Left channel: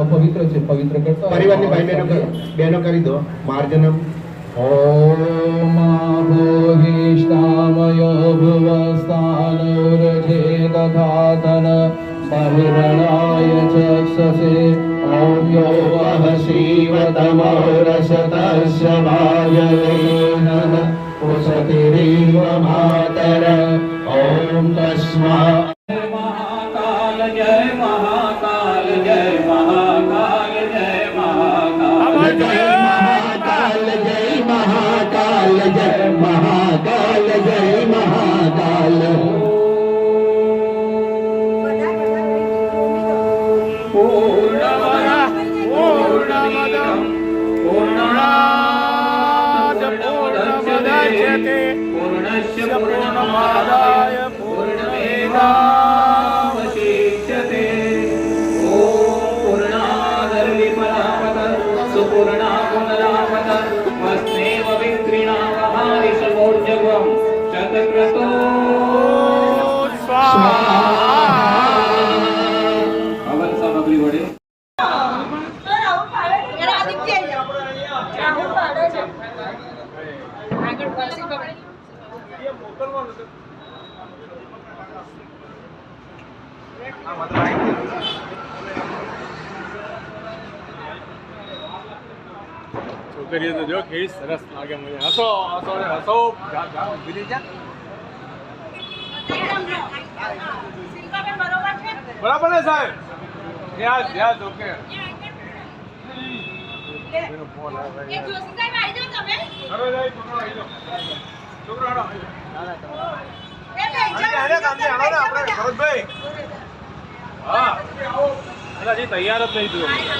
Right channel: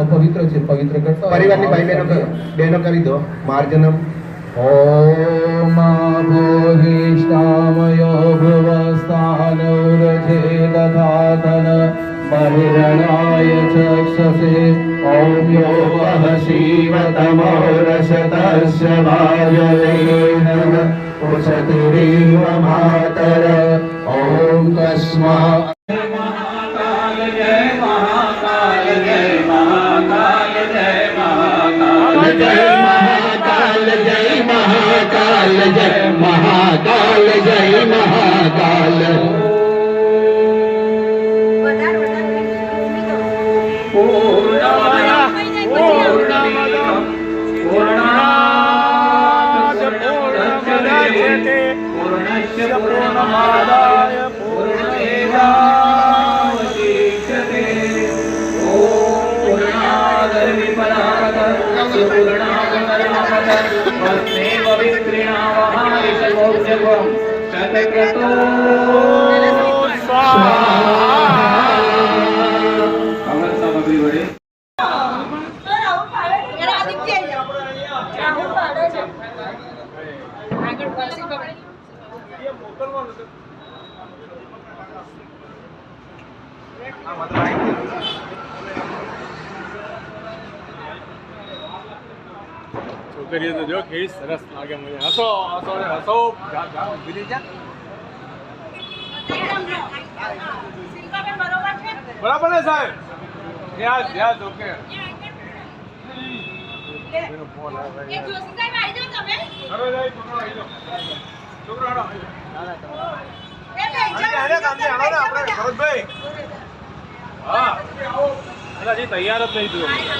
अपवित्र છે પવિત્ર કરતા પરિવારની ભાઈ બહેનો કરી દો માર્જનમ ઓમ ભૂરિષ્ઠામયો ભુવસ્થાનૌરજે દધાતન બહિરણાય ચક્ષસે ઓમ યો વહશીવતમોરસતસ્ય વાયવેન ઉષતિરીવ માતર ઓમ તસ્મા महाकाल जय महाकाल पूर्णस्य पूर्णमादाय पूर्णमेवावशिष्यते पूर्णादपि परावतस्य पूर्णावतरावत वस्मेव विक्रियावहाय सर्वोद्यमं शतक्रतो स्वाहा अमर सामग्री वडे છોકરીઓ તો જો કેવી સરસ લાગે મને. હસો હસો ને હસો. ઊભી રહી જા. બરાબર ને સાહેબ? ધ્યાન ઓકે. ફોન આવે. એક જોશી સાહેબ આવી જાવ તમે. હવે જાય છોકરો આવી જાવ. છોકરો આડો. આપણે ભરતભાઈ. હા. હજી તૈયાર જ નહીં થયું.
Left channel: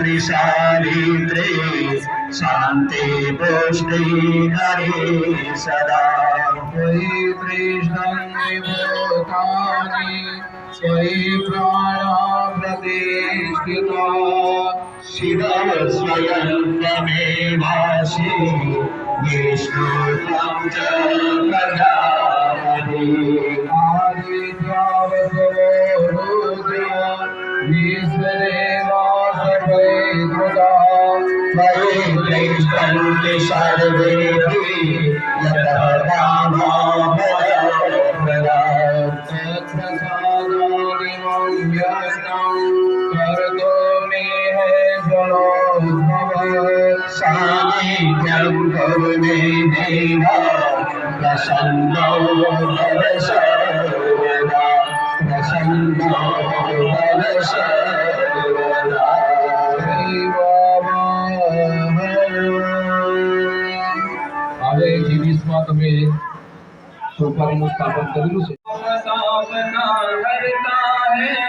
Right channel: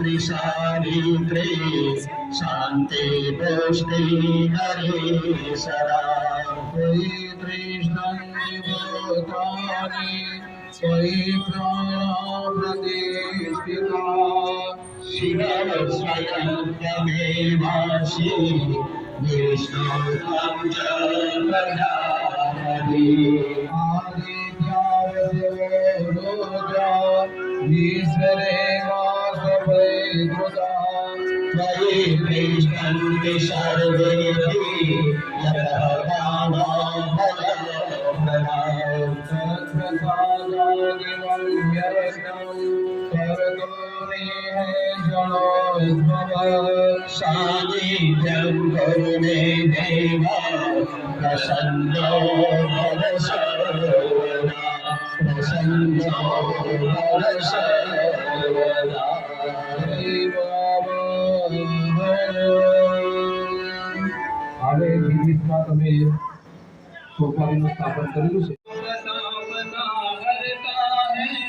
त्रिशारित्रे शान्ति पुष्टि हरे सदा त्वयि तृष्णं विभूतानि त्वयि प्राणा प्रतिष्ठिता शिव स्वयं त्वमेवासि विष्णु त्वं च प्रजापति आदित्यावसो रुद्रा विश्वदेवास प्रैद्रुता त्वयि तृष्णन्ति सर्वेऽपि यतः कामा भयप्रदा तत्प्रसादादिमं व्यस्तं कर्तोमि हे जलोद्भव सान्निध्यं करुणे देव प्रसन्नो भव सर्वदा प्रसन्नो भव सर्वदा હવે જીવીસમાં તમે સોપારીનું સ્થાપન કરેલું છે.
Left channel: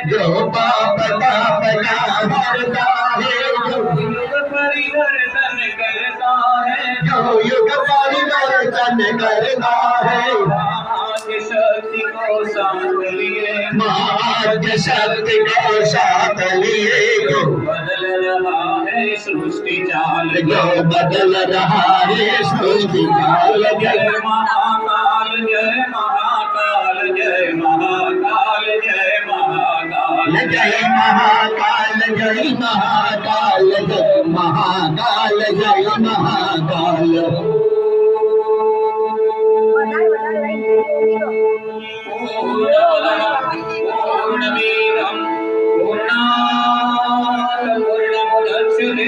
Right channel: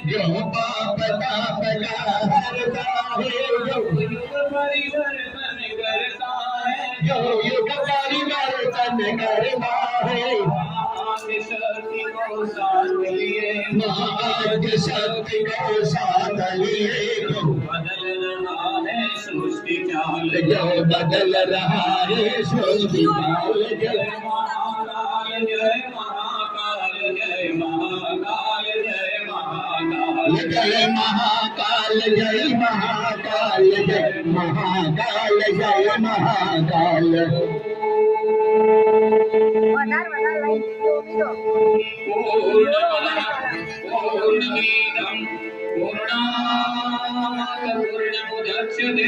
जो पाप तापना भरता है जो युग परिवर्तन करता है जो युग परिवर्तन करता है महाराज शक्ति को साथ लिए महाराज शक्ति को साथ लिए जो बदल रहा है सृष्टि चाल जो बदल रहा है सृष्टि चाल जय महाकाल जय महाकाल जय महाकाल जय महाकाल जय महाकाल जय महाकाल जय महाकाल महाकाल जय महाकाल पूर्णमेदं पूर्णात् पूर्णमुदच्यते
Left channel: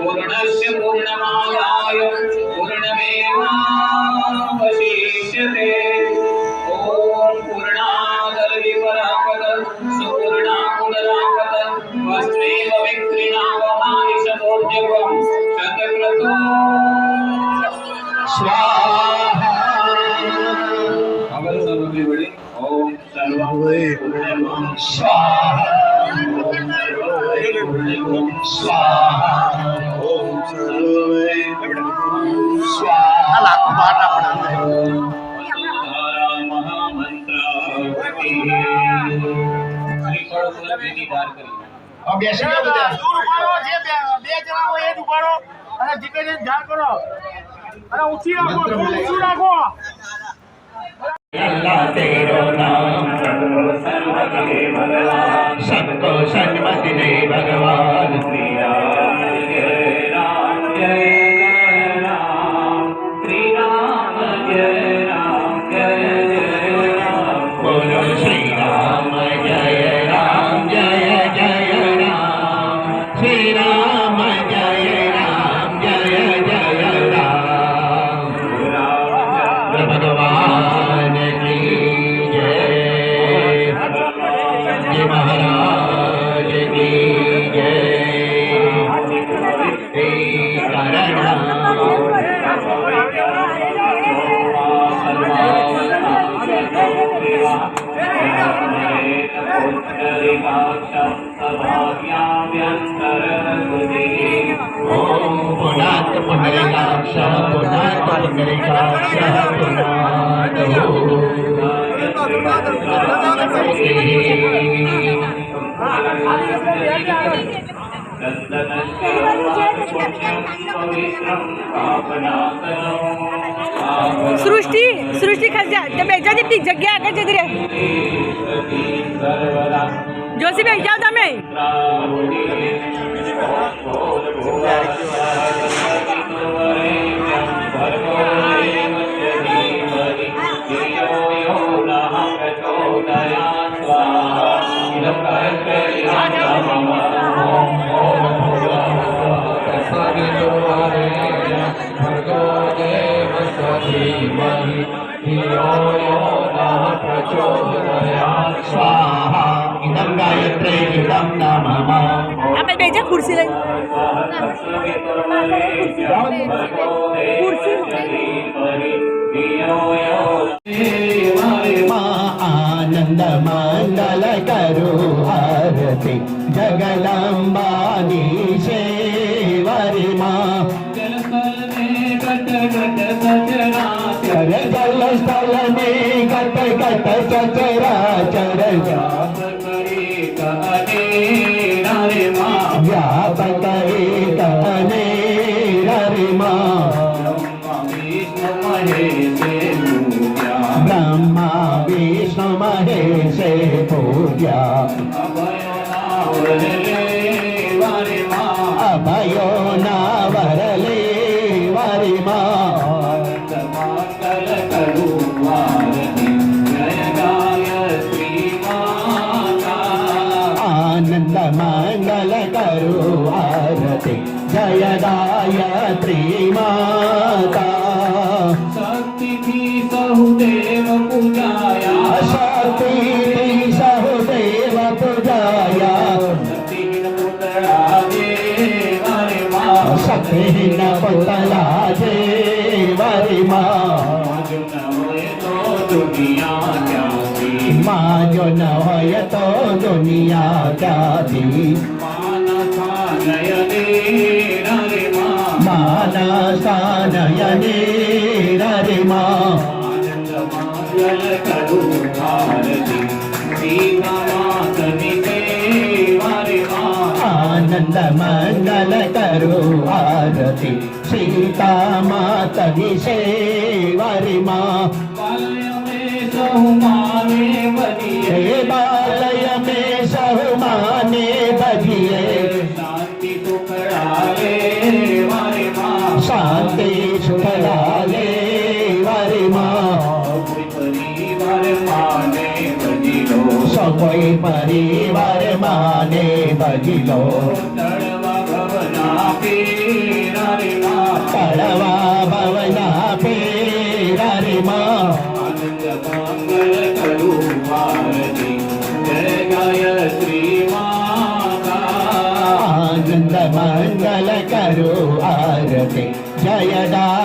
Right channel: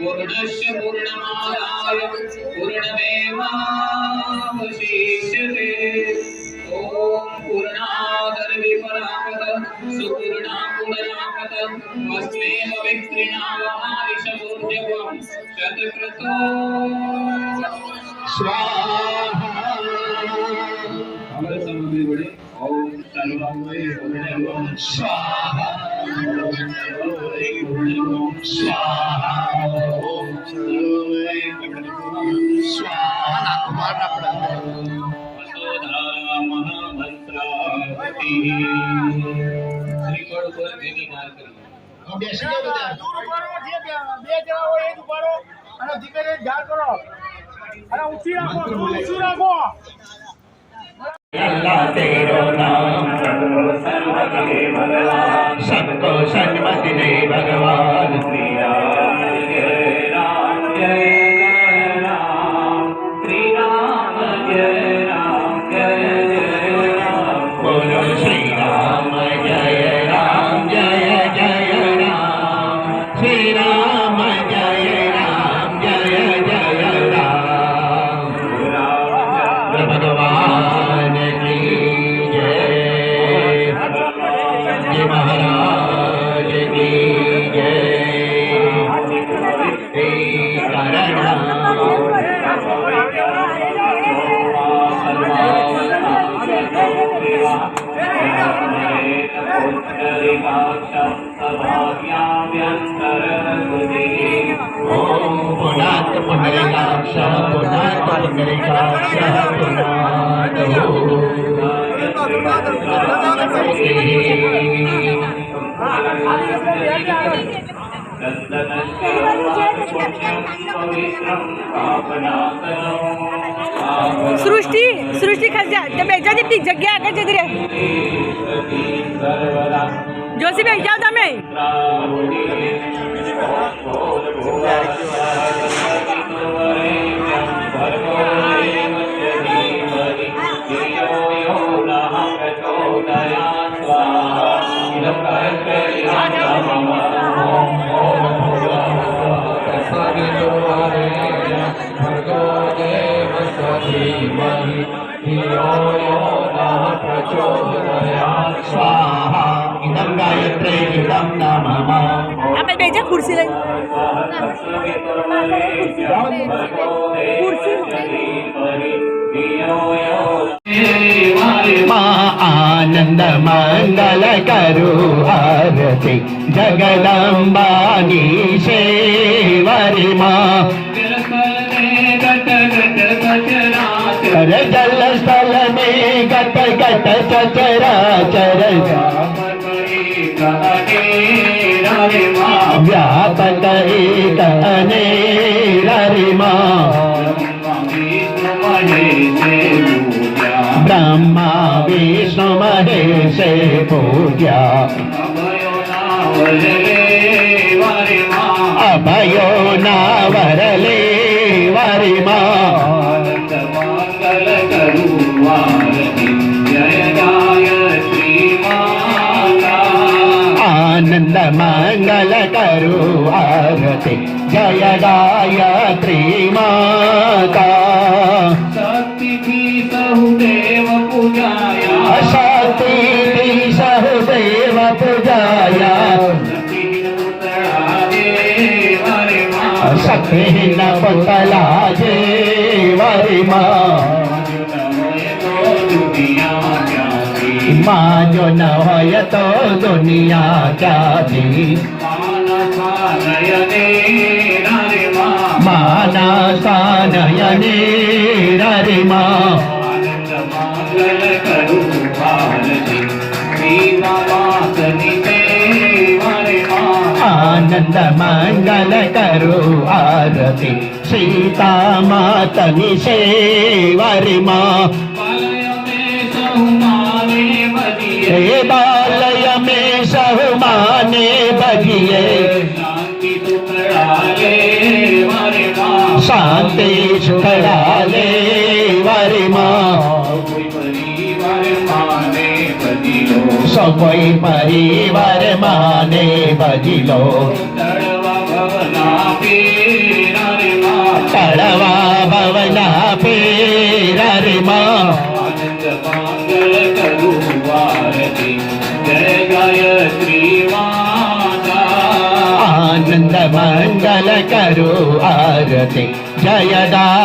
पूर्णस्य पूर्णमादाय पूर्णमेवावशिष्यते ॐ पूर्णादर्विपरापद सुपूर्णा पुनरापद वस्त्वेव विक्रीणावमानिशमोर्जवं शतक्रतो स्वाहा अगर सामग्री बड़ी ओम सर्वं स्वाहा स्वाहा स्वाहा वसुधारा महामंत्र श्रीफળ પર બેની વાર કરી अब બેસી જાઓ બધા દૂર ઉભારો જે બે જણા હોય એ જ ઉભારો અને જીપેને ઝાડ કરો અને ઊંચી રાખો થોડું ઊંચું રાખો अल्लाह तेरो नाम सबको सन्मति दे भगवान श्री राम जय राम जय राम श्री राम जय राम जय जय राम बोलो श्री राम जय राम जय जय राम श्री राम जय राम जय जय राम भगवान की जय जी महाराज की जय हे ओम पुनात पुंडरीकाक्ष पुनात पुंडरीकाक्ष पुनात સૃષ્ટિ સૃષ્ટિ ખર્ચા તો બેજા જેટલી જગ્યા આગળ જતી રહે જોશી બેસી જાઓ તમે स्वाहा इदं गायत्रे इदं नमः આપણે બેજા ખુરશી લઈ माँ आनंद मंगल करु आरती जगदम्बानी शेवरी माँ जल स्थल में गट गट चचराचर व्यापक एक अनेरी माँ ब्रह्मा विष्णु महेश पूज्या अभयो नावरले वरि माँ आनंद मंगल करु आरती जय गायत्री माता शक्ति की सहुदेव पूजाया शक्ति न पुतला जे वरि माँ माँ जो न होय तो दुनिया जाती मानसा नयने रे माँ आनंद मंगल करो आरती सीता मातनि सेवरि माँ हे बालय में सहु माने बजिए કોઈ પરિવાર માને ભજી લો તળવા ભવના પીરા રે માં તળવા ભવના પેરા રે માં આનંદ મંગલ કરું આરતી જય ગાયત્રી માતા આનંદ મંગલ કરો આરતી જય દા